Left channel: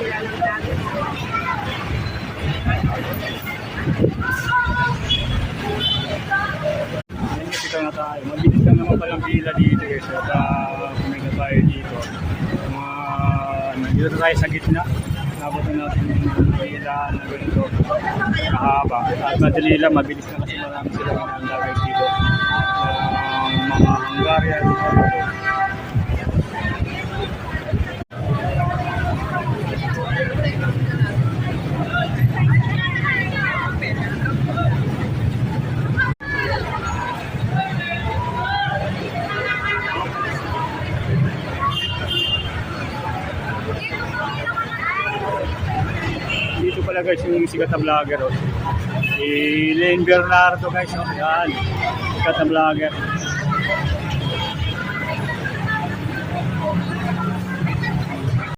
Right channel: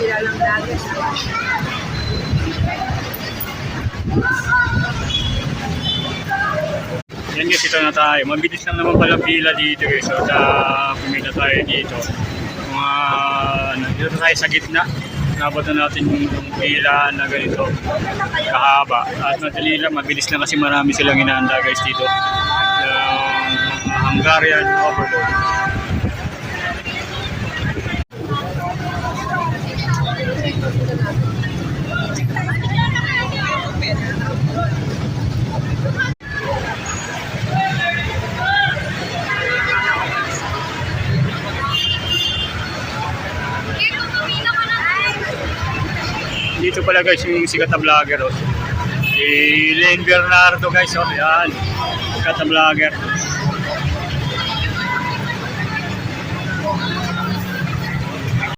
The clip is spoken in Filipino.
Kilalang dagat. Yan guys, ito na tayo. Mabilis lang naman palang pila dito guys. So, pumila tayo dito. Dito tayo sa gitna. Nabot na natin yung pila na ganito kahaba. At madali lang, mabilis lang kasi marami silang inaanda guys dito. Mga Hungarian overload. Dito pala guys yung sikat na vlogger oh. Si Lane Bernardo guys oh. Yan. Sikat na vlogger.